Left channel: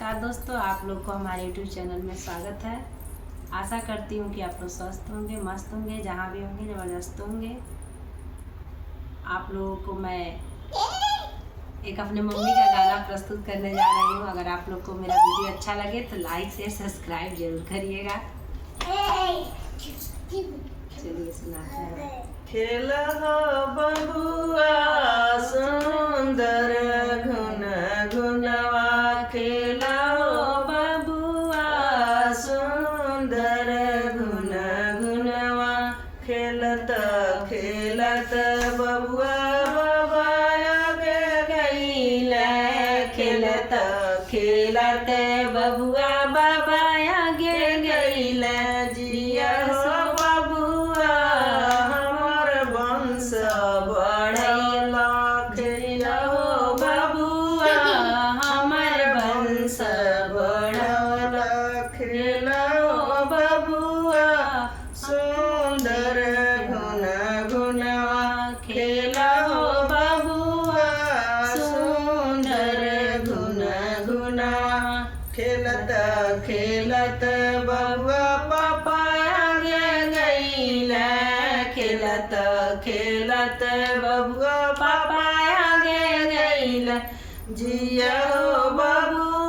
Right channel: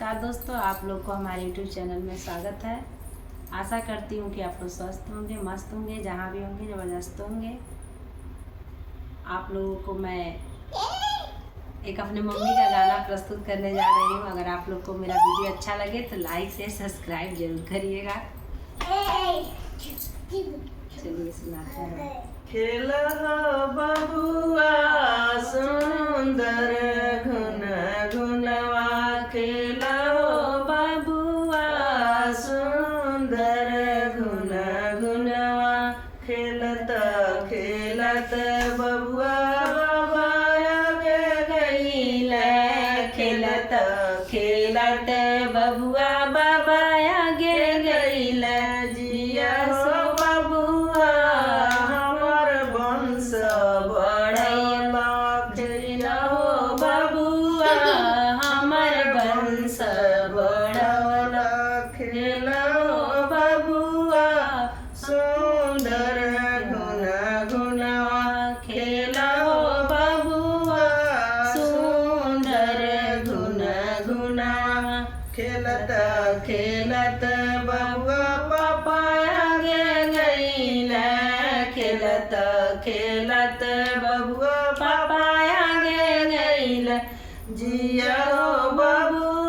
नमस्कार दोस्तों, आप लोग को हमारे YouTube चैनल में स्वागत है। आशा करती हूँ कि आप लोग स्वस्थ होंगे, मस्त होंगे, जहाँ भी होंगे ज़बरदस्त होंगे। आप लोगों को मैं एक अपने मम्मी का गाना प्रस्तुत करने जा रही हूँ। अगर आप लोग को मेरा वीडियो अच्छा लगे तो लाइक से सब्सक्राइब जरूर करिएगा। चलिए सुनाते हैं। खेल बबुआ सुंदर घुन घुनवा, खेल बबुआ सुंदर घुन घुनवा, खेलत खेलत बबुआ बाबा के गईल, खेलत खेलत बबुआ बाबा आगे गईल, जिया सो बबुआ हमर वंश बढ़ैला, खेला हो बबुआ हमर वंश बढ़वला, खेला हो बबुआ सुंदर घुन घुनवा, खेला हो बबुआ सुंदर घुन घुनवा, खेलत खेलत बबुआ पापा आगे गईल, खेलत खेलत बबुआ पापा आगे गईल, जिया हो बबुआ